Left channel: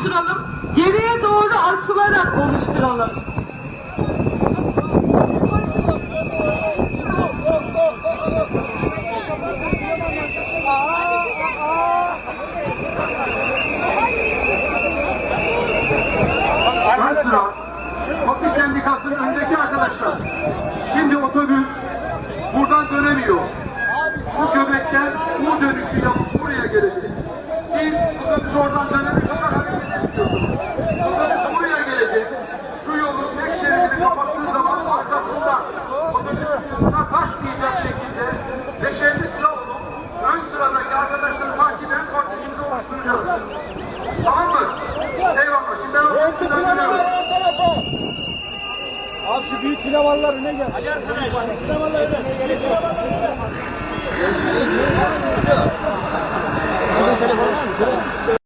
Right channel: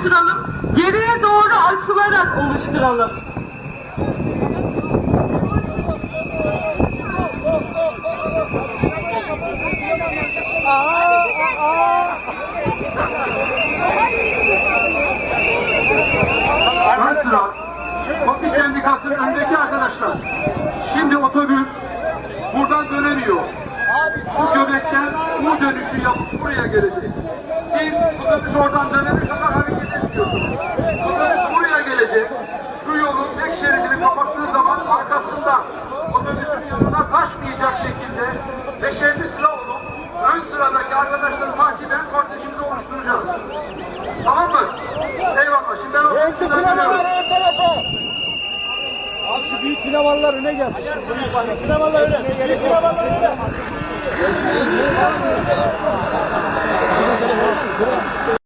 oluşturalım. Geriye doğru açılarak oluşturalım. Sıra, Kopi Sendikası'nın öndeki arkadaşlar. Şimdi otobüs buradan dönemiyor. Bu göbekten U dönüşü yapıp buraya gelecek. Siz otobüs oradan dönemez Otobüs buraya gelecek. Şu yolun tek şeridini kapattığı zaman arkasında otobüsün yanına taşmayacak şekilde beşerli sıra olup ön sıradaki arkadaşları takiben kortejimizi oluşturacağız. Tamam mı? Eyvallah. Şimdi ben otobüsü döndürüyorum. Abi şu büyük filavallar öne gel. Büyük filavallar öne. Büyük öne.